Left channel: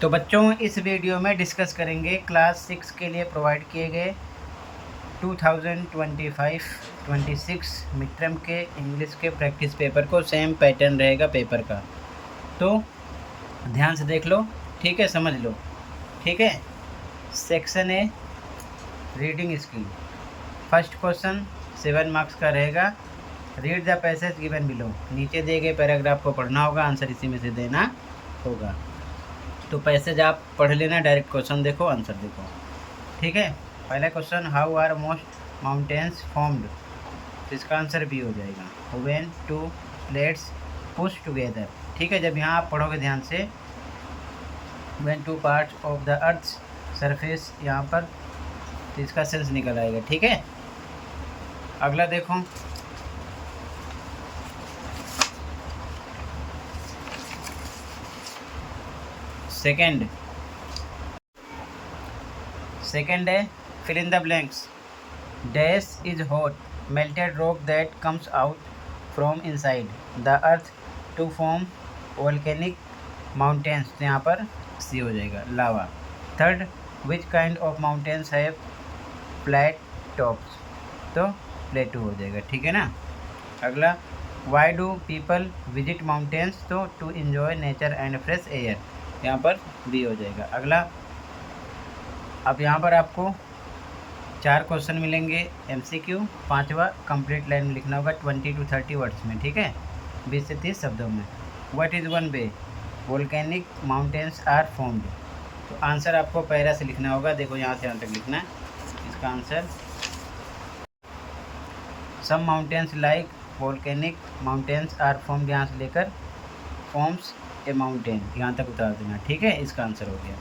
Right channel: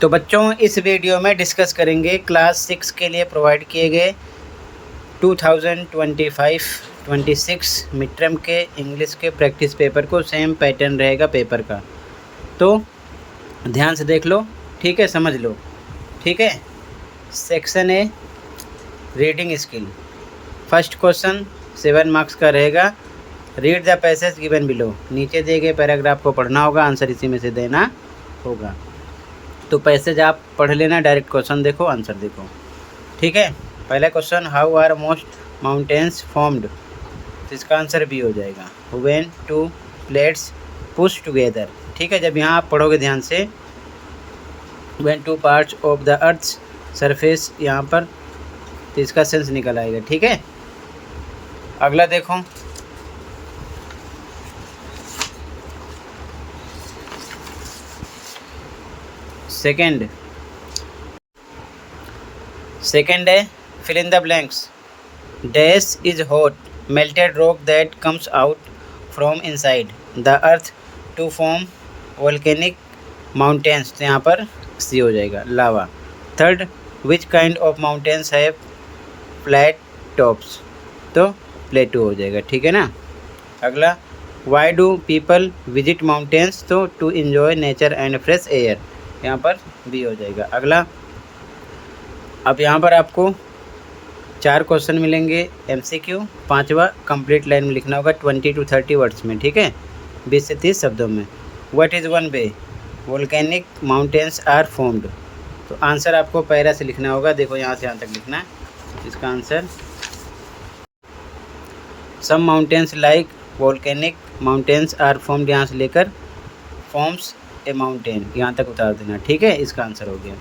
तो बच्चों इस वीडियो में डिस्कस करेंगे क्लास 6 के लिए प्रोवाइड किए गए 2025-26 मिड टर्म के इंग्लिश के प्रैक्टिस पेपर को। सेम पैटर्न रहेगा पेपर का, तो ध्यान से देख लो, ठीक है, समझ लो, ठीक है। Section A reading skill, first question 7 marks का रहेगा। Read the passage given below, नीचे दिए गए पैराग्राफ को पढ़ना होगा, आंसर इसी में से देना होगा। तो पैसेज आप पढ़ लेना, डायरेक्ट क्वेश्चन देखो, आंसर देखो, ठीक है। पहला question, how are most mountains formed, तो इसका आंसर भी हो जाएगा when two plates push together, ठीक है। जब यहाँ आप पढ़ोगे ध्यान से, when two parts of the earth's surface, यहाँ पर तो इसका सेंस निकल आएगा, ठीक है। अगला देखो, सेकेंड है fill in the blanks. Dash is hot melted rock that comes out from inside the earth to form volcanic mountains, तो यहाँ पर सी हो जाएगा, lava. Third, which kind of mountains have flat tops, तो plateau हो जाएगा, ठीक है ना। अगला, why do people visit mountains, तो to enjoy nature and fresh air, यहाँ पर बी हो जाएगा। अगला, अब यहाँ पर आपको 4 क्वेश्चन मिलेंगे MCQ, 5वां कंप्लीट लाइन में लिखना होगा 20 to 30 वर्ड्स में, ठीक है, 20 से 30 शब्दों में। What is one way volcanic mountains are formed, तो आंसर आपको पैरा से लिखना होगा, देखो यहाँ से यहाँ तक लिखना। इसका answer, some mountains like volcanic mountains are formed, यहाँ से लेकर फॉर्म्स ए माउंटेन, यहाँ तक उतार देना, ठीक है। इसका आंसर हो गया।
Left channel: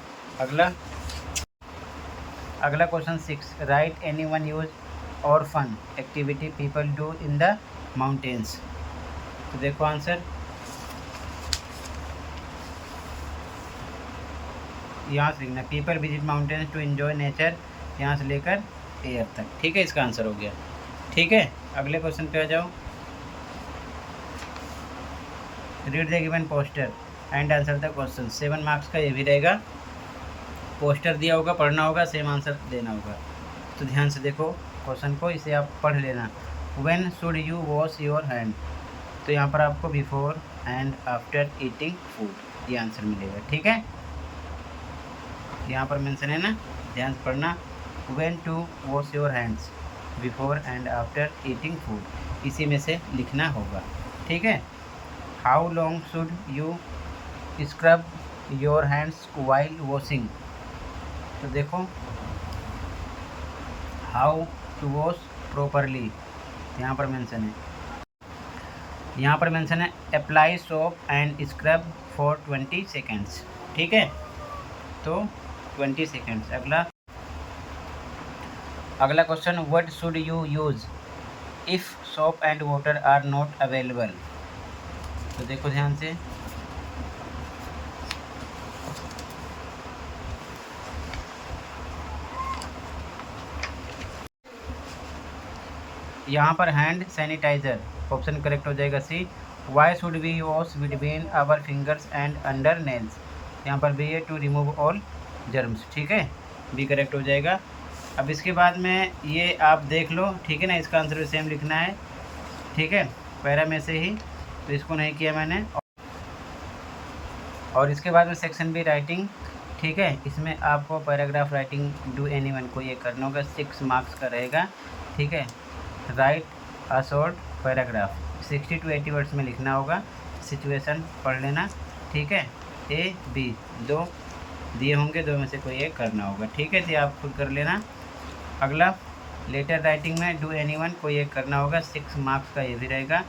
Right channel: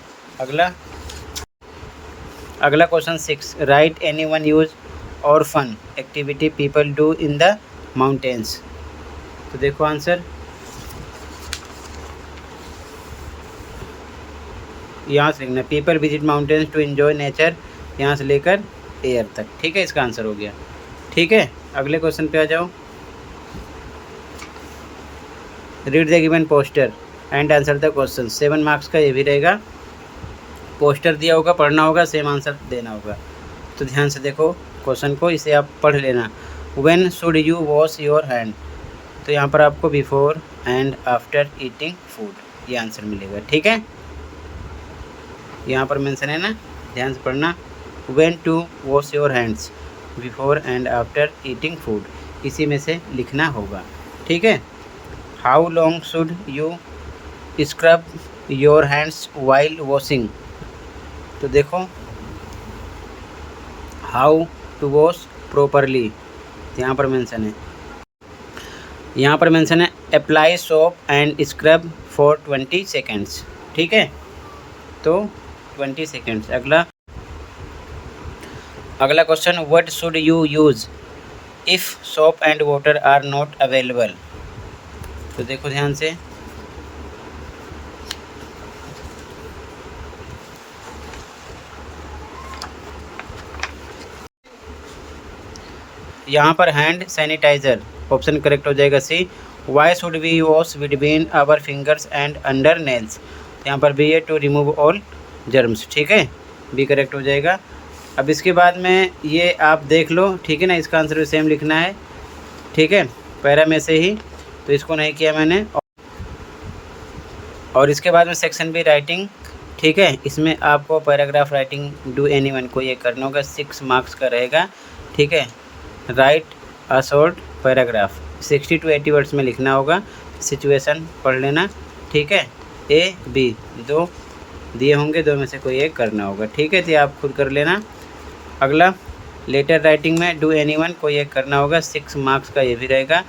अगला question 6, write any one use or fun activity people do in the mountains, तो देखो आंसर यहाँ से लिखना, people visit mountains to enjoy nature, यहाँ से लेकर एयर तक, ठीक है। इसका आंसर हो गया, ठीक है। अगले क्वेश्चन पे आ जाओ, read the given poster and answer the question, 7 marks का ये भी रहेगा। पोस्टर दिया होगा, पढ़ना होगा, सेम आंसर देना होगा। तो ध्यान से देखो क्वेश्चन को, इसे आप पढ़ लेना। When should you wash your hand, तो यहाँ पर आपको before and after eating food, ये आंसर मिलेगा, ठीक है। यहाँ पर मेंशन है ना, ध्यान से पढ़ना। When to wash your hands before and after eating food, इसी में से लिखना होगा, ठीक है। How long should you scrub your hands while washing, तो देखो हाउ टू वॉश प्रॉपरली, यहाँ पर मेंशन है, apply soap and scrub for 20 seconds, ठीक है, तो 20 सेकेंड्स। अगला question, what should you use if soap and water are not available, तो देखो ध्यान से, यहाँ पर हैंड सैनिटाइज़र, ऑप्शन करेक्ट हो जाएगा C. Why should we wash between our fingers and under nails, यहाँ पर बी है टू रिमूव ऑल जर्म्स, ठीक है, बी करेक्ट हो जाएगा। अब इसके बाद में ये आप देख लो, ठीक है ना, इसका आंसर भी सेम लिखना है, ठीक है, पैरा में से ही, तो इसको नहीं किया मैंने। और इसके बाद में सेक्शन बी राइटिंग, ठीक है, इसमें आपको पैराग्राफ राइटिंग डू एनीवन को ये करना होगा, 6 मार्क्स का रहेगा, ठीक है। Right a short paragraph, 60 to 80 words में लिखना होगा, सिचुएशन पढ़ लेना, ठीक है। ए बी 2 दिए होंगे, 2 में से कोई एक करना होगा, ठीक है, तो आप खुद कर लेना। अगला, लेटर राइटिंग में डू एनीवन कोई एक करना होगा, 6 मार्क्स का ये भी रहेगा,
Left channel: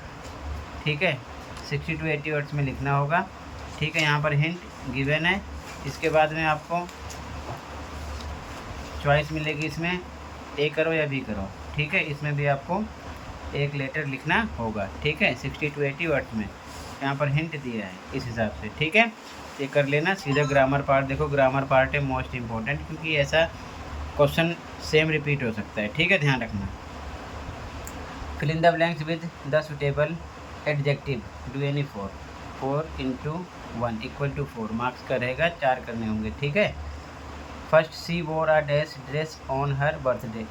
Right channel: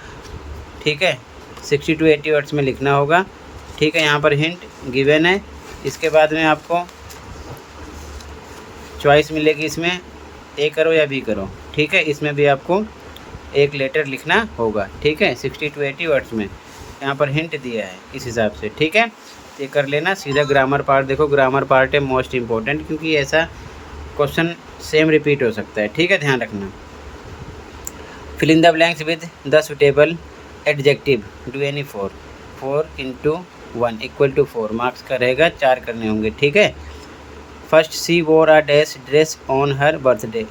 ठीक है, 60 to 80 वर्ड्स में लिखना होगा, ठीक है। यहाँ पर हिंट गिवन है। इसके बाद में आपको चॉइस मिलेगी, इसमें ए करो या बी करो, ठीक है, इसमें भी आपको एक लेटर लिखना होगा, ठीक है, 60 to 80 वर्ड्स में, यहाँ पर हिंट दिया है इस हिसाब से, ठीक है, ये कर लेना। सीधा ग्रामर पार्ट देखो, ग्रामर पार्ट है मोस्ट इम्पोर्टेंट, क्योंकि ऐसा क्वेश्चन सेम रिपीट हो सकता है, ठीक है, ध्यान रखना। Fill in the blanks with the suitable adjective, do any 4 into 1 equal to 4 marks का रहेगा, 4 करने होंगे। ठीक है। फर्स्ट सी वोर a dash dress on her birthday.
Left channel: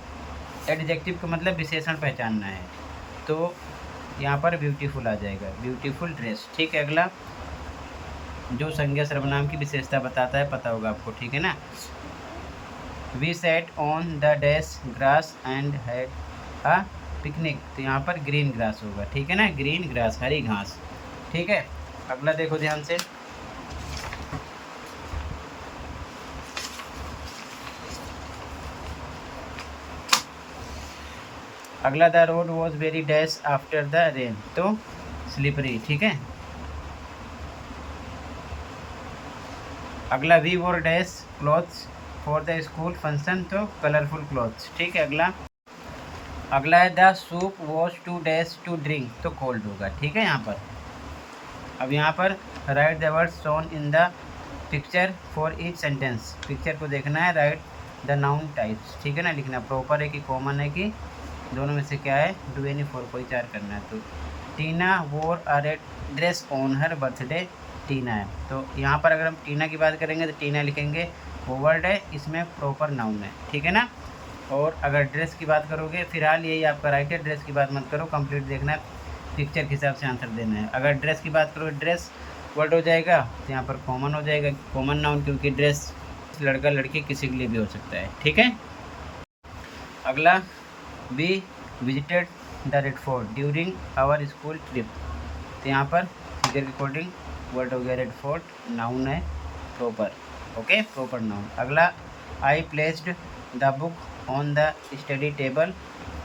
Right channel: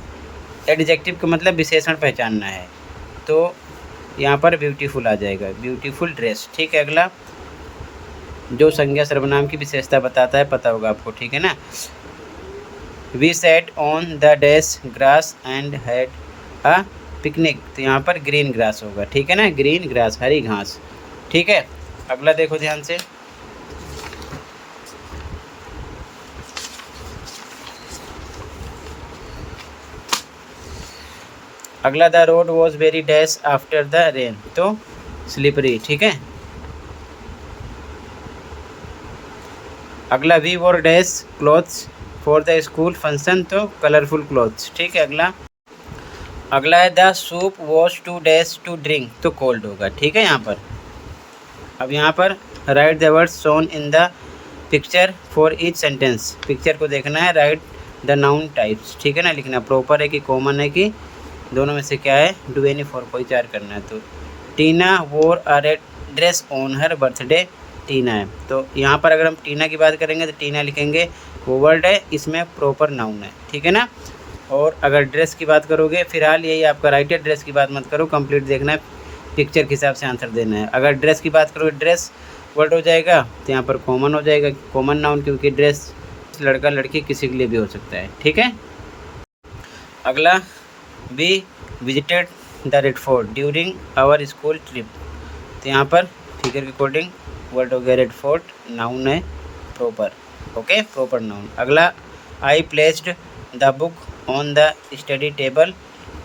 Adjective का मतलब विशेषण पहचानना है, तो यहाँ पर ब्यूटीफुल आ जाएगा, ब्यूटीफुल ड्रेस। ठीक है। अगला जो संज्ञा सर्वनाम की विशेषता बताता है, पता होगा आपको। ठीक है ना। We sat on the dash grass and had a picnic, तो यहाँ पर ग्रीन ग्रास होगा। ठीक है ना, ग्रीन ग्रास, हरी घास। ठीक है। अगला देखो ध्यान से, अगला the road was very dash after the rain, तो स्लिपरी। ठीक है। अगला we wore dash clothes for the school function, तो कलरफुल क्लॉथ्स। ठीक है। अगला है the soup was too dash to drink, तो कोल्ड होगा। ठीक है। यहाँ पर अब यहाँ पर write the words shown in the picture for each sentence, picture को देखना है, राइट द नाउन टाइप्स। ठीक है ना, लिखना प्रॉपर है कि कॉमन है कि दोनों में से क्या है, डू एनी फॉर कोई चार करना है। तो Tina wore a red dress on her birthday, Tina है, तो यहाँ पर अगर हम टीना की बात करेंगे तो टीना लिखेंगे, वो वर्ड है, इसमें प्रॉपर नाउन है। ठीक है ना। और अगर ड्रेस की बात करोगे, फिलहाल यही आपका राइट है, ड्रेस की बात मत करो, कंप्लीट देखना है, पिक्चर के हिसाब से आंसर देना है। अगर ड्रेस की बात करोगे, ड्रेस वर्ड हो जाएगा, तो यहाँ पर कॉमन हो जाएगा, कॉमन नाउन, क्योंकि ड्रेस लड़का लड़की किसी के लिए भी हो सकता है। ठीक है। अगला we visited the Red Fort during our school trip, तो यहाँ पर फिगर के अकॉर्डिंग वर्ड हो गया रेड फोर्ट, नाउन है प्रॉपर। Okay, proper noun. अगला I placed the book on the study table,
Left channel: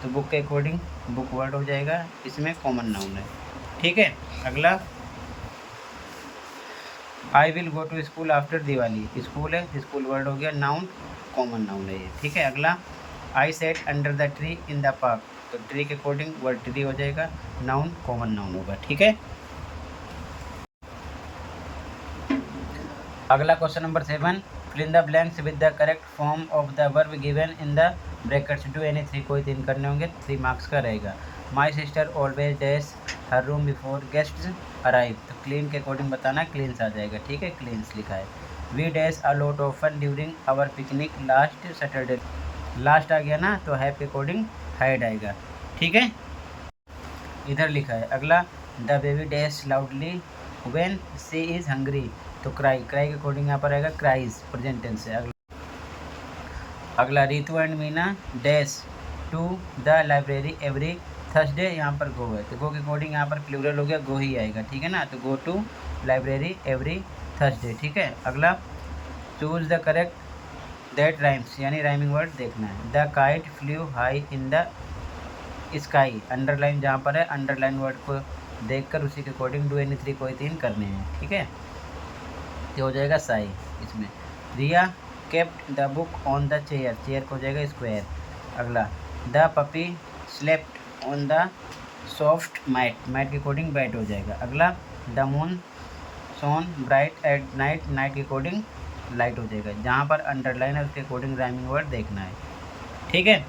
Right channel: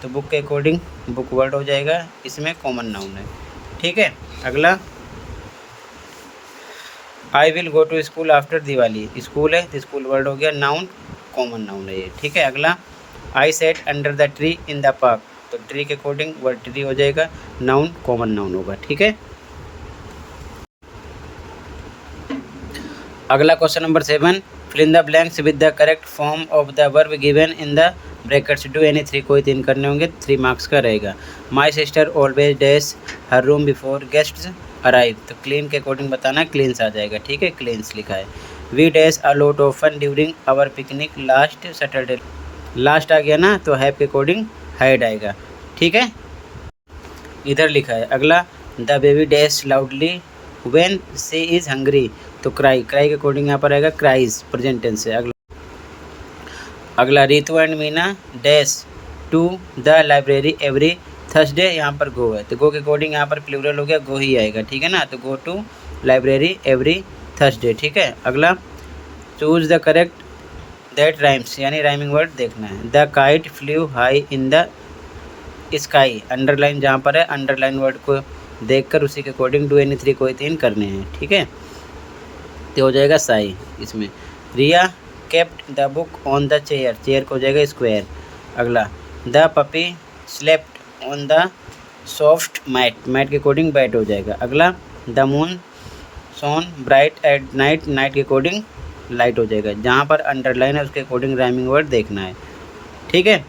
तो बुक के अकॉर्डिंग बुक वर्ड हो जाएगा, इसमें कॉमन नाउन है। ठीक है। अगला I will go to school after Diwali, school है तो स्कूल वर्ड हो गया, नाउन, कॉमन नाउन है ये। ठीक है। अगला I sat under the tree in the park, तो ट्री के अकॉर्डिंग वर्ड ट्री हो जाएगा, नाउन, कॉमन नाउन होगा। ठीक है। अगला question number 7, fill in the blanks with the correct form of the verb given in the brackets, do any 3, कोई 3 करने होंगे, 3 मार्क्स का रहेगा। My sister always dash her room before guests arrive, तो क्लीन के अकॉर्डिंग बताना, cleans आ जाएगा। ठीक है, क्लीन्स लिखा है। We dash a lot of fun during our picnic last Saturday, last आ गया ना, तो हैव के अकॉर्डिंग हाइड आएगा। ठीक है, इधर लिखा है। अगला the baby dash loudly when she is hungry, तो क्राई, क्राई के अकॉर्डिंग यहाँ पर आएगा क्राइज, प्रेजेंट टेंस है। अगला Ritu and Meena dash to the library every Thursday, यहाँ पर गो है, तो गो के अकॉर्डिंग यहाँ पर प्लूरल हो गया, गो ही आएगा। ठीक है ना, तो go to library every Thursday. ठीक है। अगला choose the correct that rhymes, यानी राइमिंग वर्ड देखना है। The kite flew high in the sky, underline जहाँ पर है, अंडरलाइन वर्ड को देखकर उसी के अकॉर्डिंग डू एनी 3, कोई 3 करने हैं। ठीक है, तो हो जाएगा साई इसमें। Riya kept the book on the chair, chair को हो जाएगा स्क्वायर। अगला the puppy slept on the soft mat, mat के अकॉर्डिंग बैट हो जाएगा। अगला the moon shone bright at night, night के अकॉर्डिंग लाइट हो जाएगा, जहाँ पर अंडरलाइन है उसके अकॉर्डिंग राइमिंग वर्ड देखना है। ठीक है,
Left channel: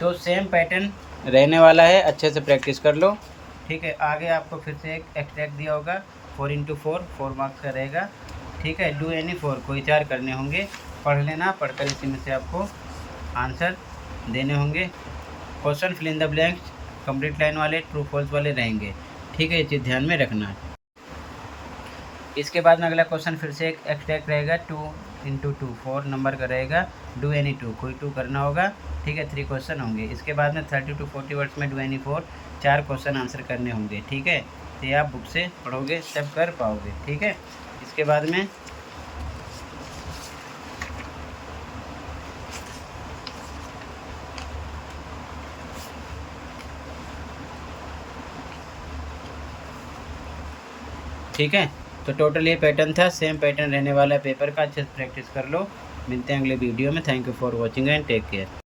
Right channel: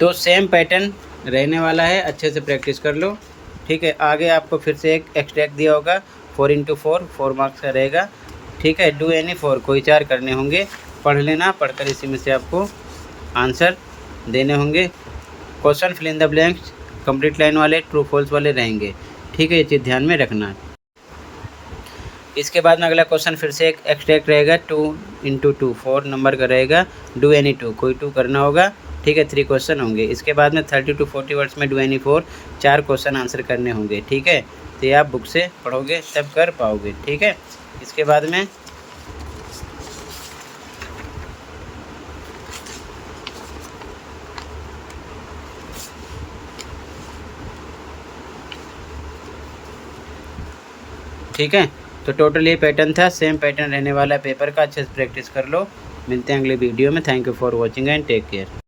तो सेम पैटर्न रहने वाला है, अच्छे से प्रैक्टिस कर लो। ठीक है, आगे आपको फिर से एक एक्सट्रैक्ट दिया होगा, 4x4, 4 मार्क्स का रहेगा। ठीक है, डू एनी 4, कोई 4 करने होंगे, पढ़ लेना, पढ़कर इसी में से आपको आंसर देने होंगे। Question fill in the blanks complete line वाले, ट्रू फॉल्स वाले रहेंगे। ठीक है, ये चीज़ ध्यान में रखना। इसके बाद में अगला क्वेश्चन फिर से एक एक्सट्रैक्ट रहेगा, 2x2, 4 नंबर का रहेगा, डू एनी 2, कोई 2 करना होगा। ठीक है, 3 क्वेश्चन होंगे। इसके बाद में 30 to 40 वर्ड्स में डू एनी 4, 4 क्वेश्चन आंसर करने होंगे। ठीक है, तो ये आप बुक से पढ़ोगे तब कर पाओगे। ठीक है, इसके बाद में ठीक है, तो टोटल ये पैटर्न था, सेम पैटर्न रहने वाला है पेपर का, अच्छे से प्रैक्टिस कर लो। मिलते हैं अगले वीडियो में। Thank you for watching and take care.